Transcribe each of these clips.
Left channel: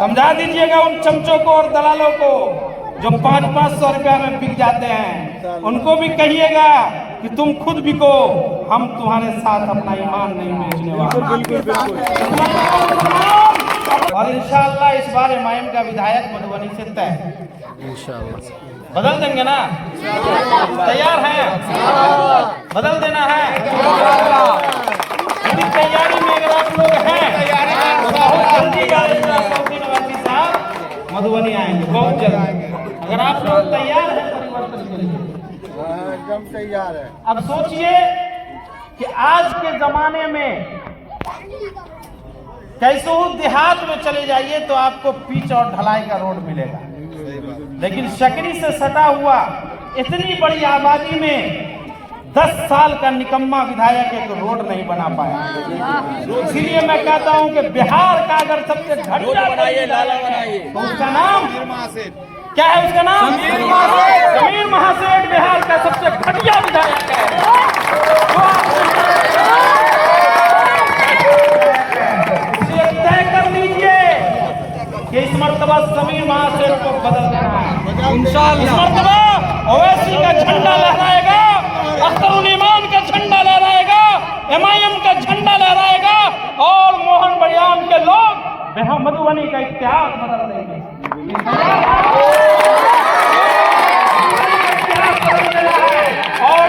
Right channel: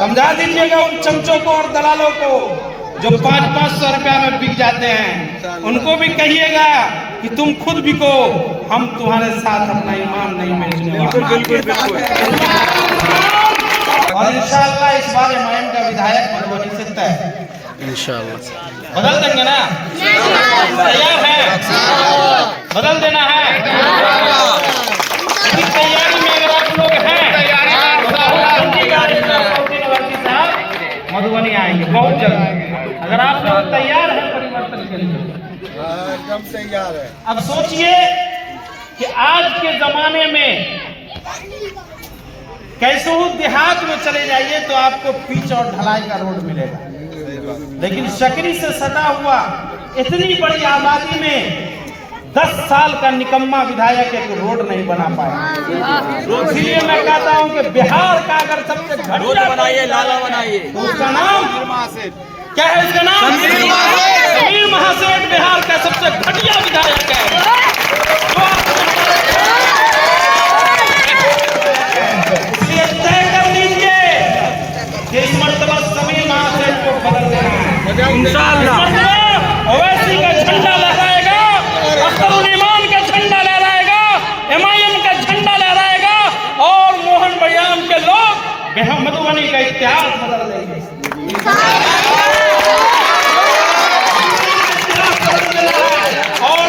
समझा दीजिएगा उन चमचों को और दलालों को जो 500-500 रुपया में बिक जाते हैं। उनको भी कहिएगा कि तुम खुद बिको, हम तुम्हारे साथ अपना ईमान नहीं बेचने वाले। और इंशाअल्लाह इस बार एमआईएम का विधायक मधुबनी से तय इंशाअल्लाह बदल देंगे ना। तैयार है? बदल देना है। तैयारी में अगर आप लोग हैं मधुबनी आएंगे बहुत जल्द। अगर आप लोग तैयार हैं परिवर्तन के लिए, एकदम तैयार है। अब सोचिए कि आज के जमाने में कैसे हो देहात में चले जाइए तो आपको पिच और ढलाई का रोड मिलेगा, लेकिन सकरी से सटा हुआ इतनी बड़ी आबादी में 10 साल का निकम्मा विधायक एक रोड नहीं बना पाया। इसीलिए मैं कहता हूं कि बिहार का अगर सबसे घटिया बनाइए, नाला बनाइए, तो उसका नाम क्या है? इसका नाम समीर महासेठ बिहार का सबसे घटिया विधायक है। इसलिए तय कर लीजिए कि इस मर्तबा समीर महासेठ को बदल देना है इंशाअल्लाह। इस मर्तबा ओवैसी का झंडा लहराएगा, अख्तरुल ईमान का झंडा लहराएगा, एमआईएम का झंडा लहराएगा और मोहन बयान के लोग मधुबनी का इतिहास बदल देंगे। और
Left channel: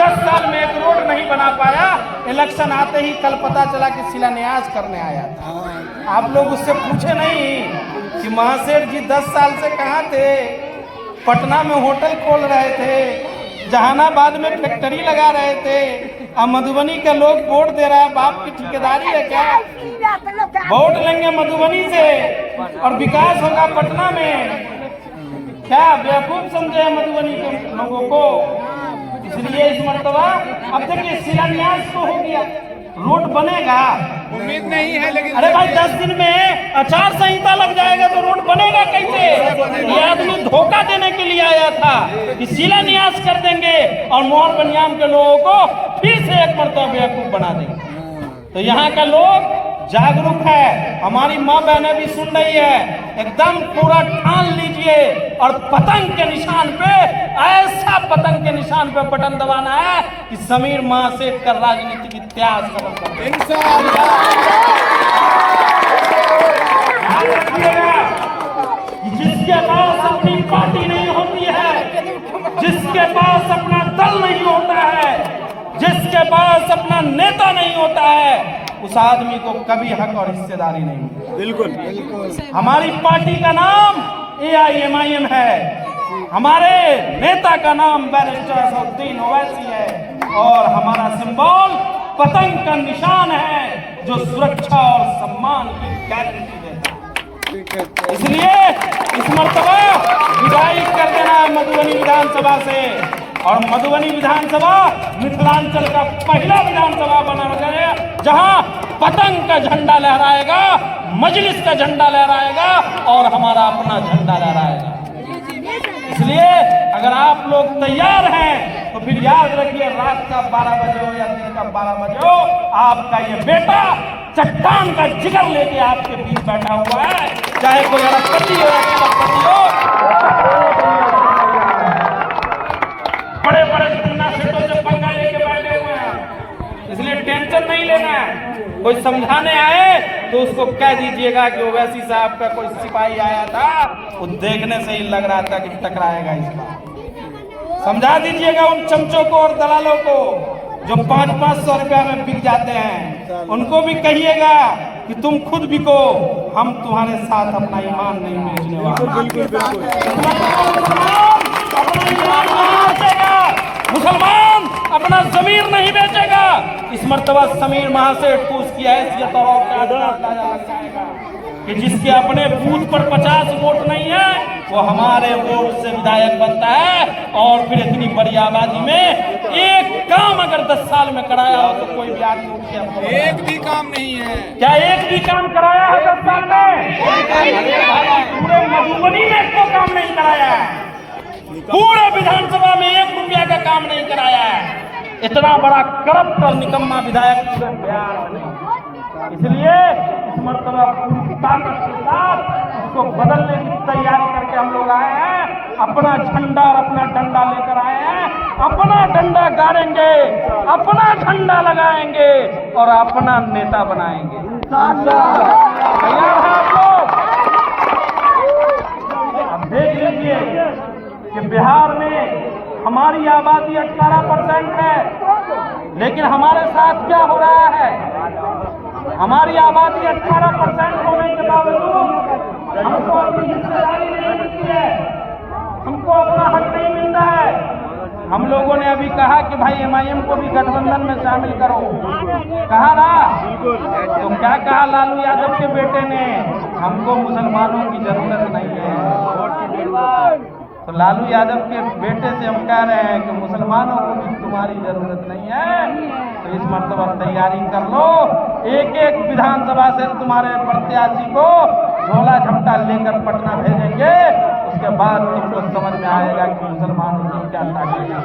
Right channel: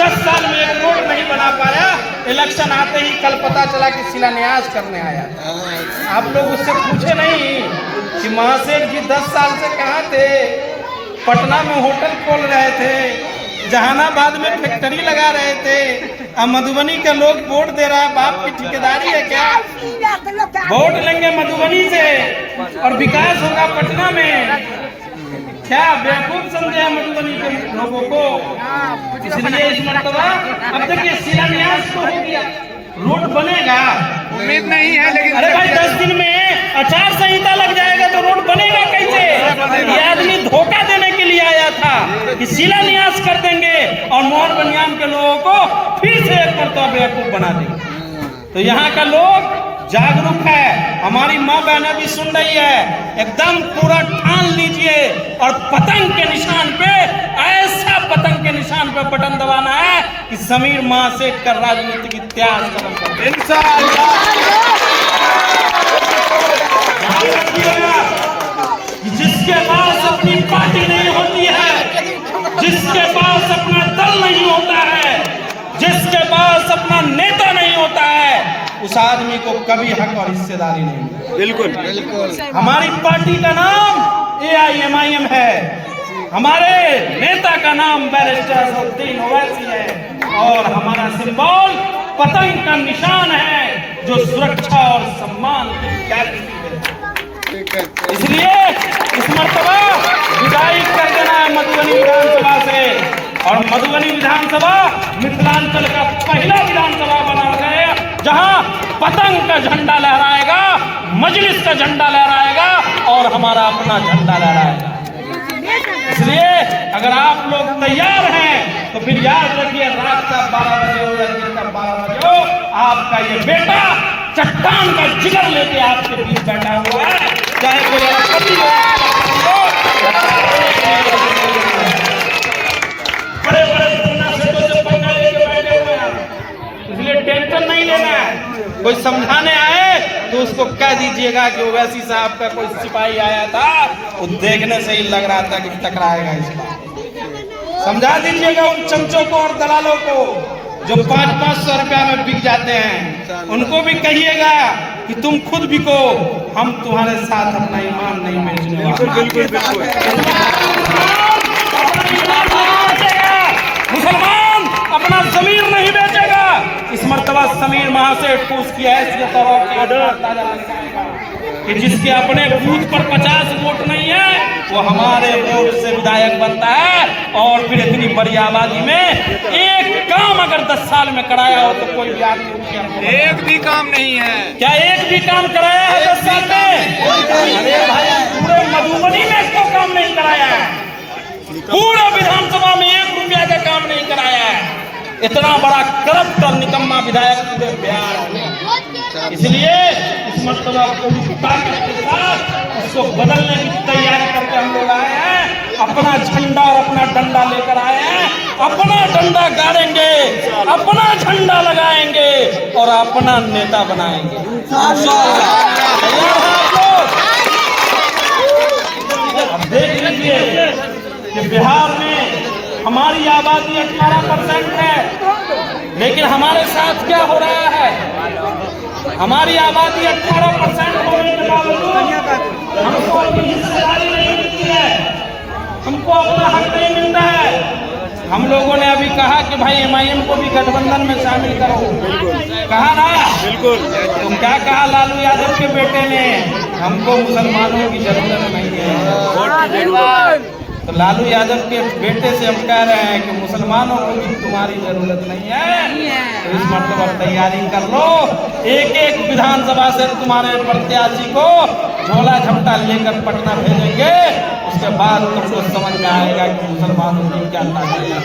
10 साल में एक रोड नहीं बना पाया, इलेक्शन आते ही कल पता चला कि शिलान्यास करने आया था। आप लोग उससे पूछे नहीं कि महासेठ जी 10 साल से कहाँ थे? पटना में होटल खोल रहे थे, जहानाबाद में फैक्ट्री लगा रहे थे, अब मधुबनी का लोग वोट दे रहा है। बाप की ठेकेदारी है क्या? वोट लेंगे मधुबनी से और विकास होगा पटना में। क्या बेवकूफ समझे हैं मधुबनी के लोगों को? इसलिए इस मर्तबा अब देखिए शिलान्यास तो हो गया, रोड बनेगा उम्मीद नहीं है, लेकिन अरे भाई 10 दिन में आचार संहिता लग जाएगा तो रोड बनेगा कैसे? ये आदमी धोखा देने के लिए आया था कि शिलान्यास कर देंगे और मोहन बनियाम के लोगों को फिर से एक मर्तबा बेवकूफ बना देंगे। तो यहाँ का लोग जागरूक है, हमारी माँ बहनें भी सुन रही है। एकदम पूरा ठान लीजिए और पतंग के निशान पे, ऐसा पतंग के निशान पे बटन दबाना है कि समीर महासेठ का राजनीतिक इतिहास खत्म कर दे इंशाअल्लाह। जिसके पास अपनी पार्टी नहीं होती है, जिसके पास अपना दल नहीं होता है, जिसके पास अपना नेता नहीं होता है, उस आदमी को कभी हक और हिस्सेदारी नहीं मिलती। बिल्कुल बिल्कुल। हमारी पार्टी का नाम AIMIM है, हमारे नेता का नाम बैरिस्टर असदुद्दीन ओवैसी है और हमारा सिंबल पतंग का निशान है जो सुरक्षा और सम्मान की गारंटी देता है। इसलिए इस मर्तबा विदाई कर देना है मधुबनी विधानसभा से, और मधुबनी विधानसभा मिथिलांचल का पहला विधानसभा बना गया जहां पतंग का झंडा लहराएगा, मजलिस का झंडा लहराएगा और हमारा अपना झंडा लहराएगा। इसलिए अगर आप लोग तैयार हैं तो फिर याद रखिए, रात का 12 बजे हो या दिन का 12 बजे हो, आपका ये बेटा चट्टान का जिगर लेके आपके बीच बैठा हुआ है। चाहे कोई अरबपति हो, बड़े बड़े सेठों से पंगा लेके बैठे हुए हैं, इसलिए टेंशन नहीं लेना है। कोई समझाने आए तो उसको कह दीजिएगा कि ओवैसी साहब का कोई सिपाही आया था, वो देखने से ही लग रहा था कि टकराएगा इस बार। समझा दीजिएगा उन चमचों को और दलालों को जो 500-500 रुपया में बिक जाते हैं। उनको भी कहिएगा कि तुम खुद बिको, हम तुम्हारे साथ अपना ईमान नहीं बेचने वाले। मुसलमान अपना जमीर नहीं बेचेगा। इस मर्तबा समीर महासेठ को उसकी हैसियत और औकात अंदाजा लग जाएगा कि जिसके अपने बूथ पर 50 वोट नहीं है, वो हमारे वोट से विधायक बनता है। और फिर इतनी बड़ी आबादी में एक काम अगर 10 साल में कराया हो तो कोई भी आदमी उठ के एक भी काम नहीं है। क्या एक भी काम कराया है 10 साल में? पूरे मधुबनी में तो काम नहीं कराया है, पूरे विधानसभा में 1 रुपया का काम नहीं कराया है। इतना बड़ा करप्ट और निकम्मा विधायक पूरे बिहार में। इसलिए इस मर्तबा पूरी ताकत के साथ उसको बदलने की तैयारी करके हम लोग आए हैं। अपना झंडा और अपना डंडा लेकर आए हैं। अपना डंडा गाड़ेंगे, अपना झंडा लगाएंगे और अपना नेता बनाएंगे इंशाअल्लाह। तैयार हैं आप लोग? अब देख लीजिए कि बिहार में हमारी आबादी 18% है, लेकिन हमारे साथ क्या हो रहा है? हमारी आबादी 18% होने के बावजूद हमको अपनी हिस्सेदारी नहीं मिलती है, हमको अपना हक नहीं मिल रहा है। हम लोगों ने अभी कहा कि भाई MIM को भी गठबंधन में शामिल करो, कहा ना? बिल्कुल। तो क्या कहा लालू यादव के बेटे ने? हमको मुसलमानों की जरूरत नहीं है। तो लालू यादव के बेटे से हम कह रहे हैं कि मुसलमानों को भी तुम्हारी जरूरत नहीं है। तो इस मतलब तैयारी कर लो। एक एक विधानसभा से तुम्हारे प्रत्याशी को झोला झपटा लेकर पटना भेजेंगे। उसके बाद तुमको समझ में आएगा कि मुसलमानों की क्या ताकत है।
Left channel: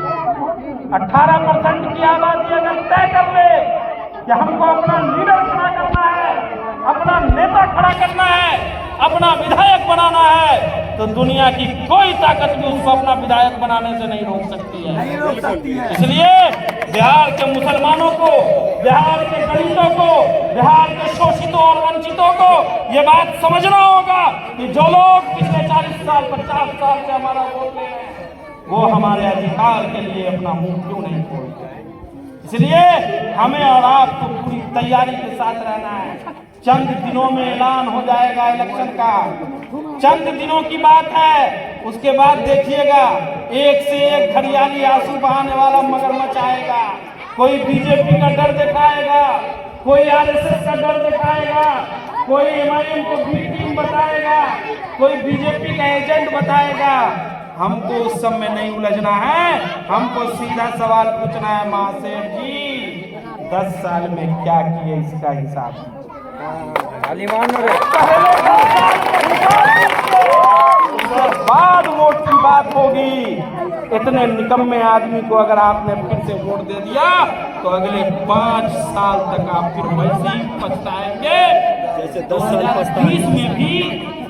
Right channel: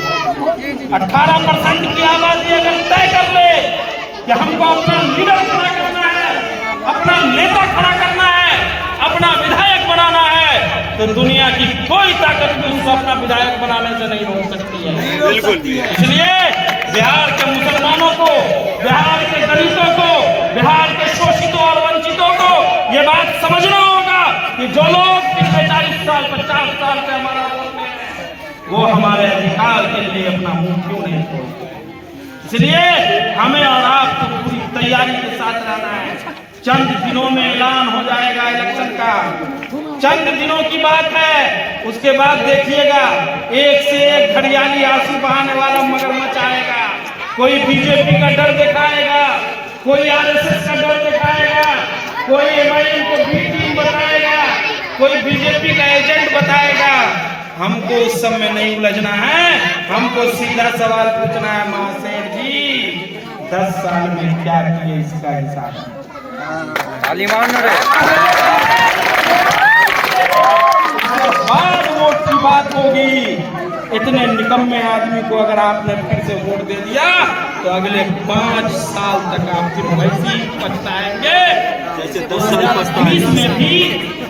18% की आबादी अगर तय कर ले कि हमको अपना लीडर खड़ा करना है, अपना नेता खड़ा करना है, अपना विधायक बनाना है, तो दुनिया की कोई ताकत भी उसको अपना विधायक बनाने से नहीं रोक सकती है। इसलिए बिहार के मुसलमानों को, बिहार के दलितों को, बिहार के शोषितों और वंचितों को ये बात समझना होगा कि जो लोग पिछले 40 साल 50 साल से हमारा वोट ले रहे हैं, वो हमारे अधिकार के लिए अपना मुंह क्यों नहीं खोलते। इसलिए हमें और आपको पूरी तैयारी के साथ रहना है। चंद दिनों में ऐलान हो जाएगा इलेक्शन का, चंद दिनों की बात है। उसके बाद देखिएगा एक से एक घड़ियाली आंसू बहाने वाला मगरमच्छ आएगा। कोई बीजेपी का डर दिखाएगा, कोई RSS का डर दिखाएगा, कोई MIM को बी टीम बताएगा, कोई बीजेपी का एजेंट बताएगा। हमको उस सब में नहीं उलझना है। हमको सीधा सवाल पूछना है, महासेठ जी 10 साल में क्या किए इसका हिसाब। बाद वोट की बात होगी। इतने निकम्मे आदमी को अगर आपने फिर से वोट दे दिया तो अगले 5 साल तक आप फिर वैसे ही पछताएंगे जैसे 10 साल पछताए। में भी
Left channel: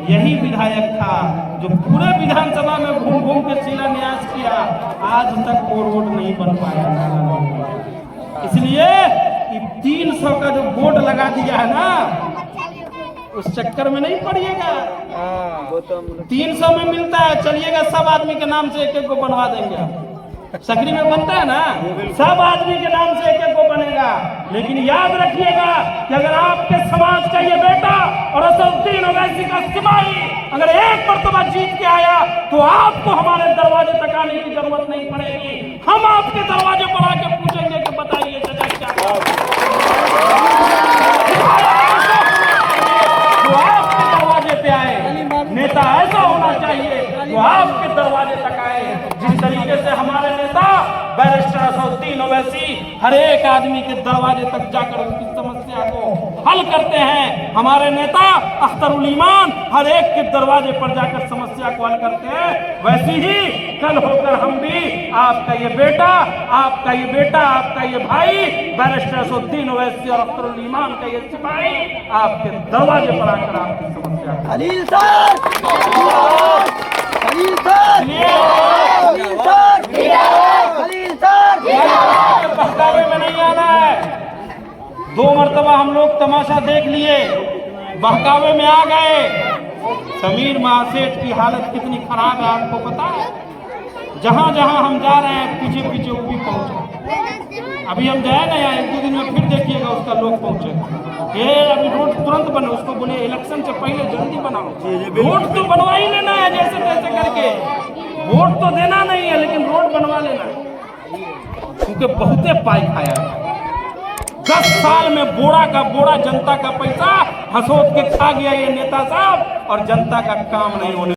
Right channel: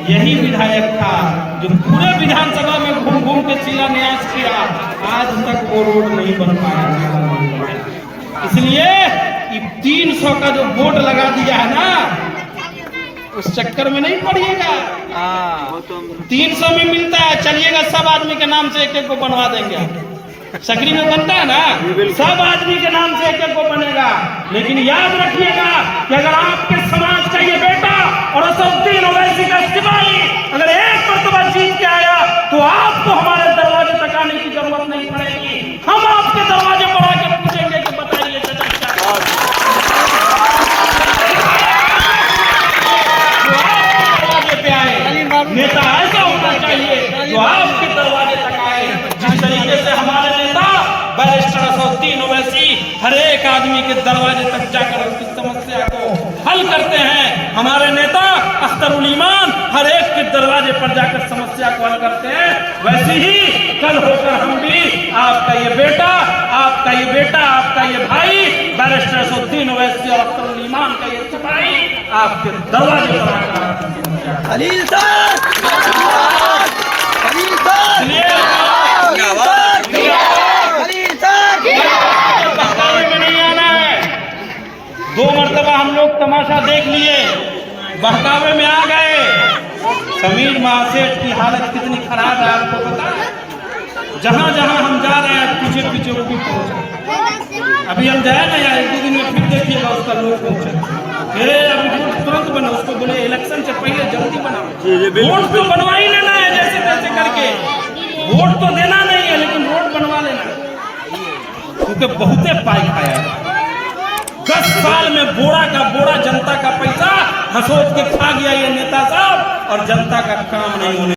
यही विधायक था जो पूरे विधानसभा में घूम घूम के शिलान्यास किया, आज तक वो रोड नहीं बन पाया। इसलिए 300 का जो बोर्ड लगा दिया है ना, उस चक्कर में नहीं पड़िएगा। 300 में मिलता है, चलिएगा सब आदमी के नाम से एक एक को बनवा देंगे। सकरी में बनता है ना, सब आदमी के नाम से एक एक को बनेगा। लेकिन याद रखिएगा कि अगर आपके समाज का ये बेटा और असदुद्दीन ओवैसी का सिपाही अगर एक मर्तबा जीत के आया तो आपको हमारे दरवाजे तक आने की जरूरत नहीं पड़ेगी। हम आपके दरवाजे पर आके पूछेंगे कि बताइए चाचा क्या जो आपके दरवाजे पे आए। नेता ऐसा होना चाहिए जो आपके दरवाजे तक आए। जिस तरीके से हमारे नेता बैरिस्टर असदुद्दीन ओवैसी हर एक आदमी के दरवाजे तक जाकर उसकी समस्या को हल करते हैं, हमारे नेता अख्तरुल ईमान हर एक के दरवाजे पर जाकर समस्या को हल करते हैं, वैसे ही कल होकर हम भी आपका ये बेटा, आपका ये बेटा, आपका ये भाई बैरिस्टर असदुद्दीन ओवैसी और अख्तरुल ईमान का ये सिपाही आपके दरवाजे पर आकर आपकी समस्या Khalil sir, Khalil sir, Khalil sir, Khalil sir. 2 मरतबा हम लोग तमाशा देख लिए, बहकावे में आ गए। समीर महासेठ की हालत कितनी खराब है आपको पता है? जहां जहां हम जा रहे हैं पीछे पीछे वो भी पहुंचे। अभी हम जाए ना यार, 1-2 दिन में फिर देखिएगा उसका लोग पहुंचे। अभी रोड तुरंत बनो, उसको बोले इलेक्शन से पहले जल्दी बनाओ। रोड तो बनवा ही लेना है जैसे तैसे करके, वोट तो देना नहीं है लेकिन रोड बनवा लेना, क्योंकि बहुते पाई खाया है। 10 साल में बोरा का बोरा जनता का पैसा हसोद के खा गया ये नेता साहब, और जनता का काम नहीं होने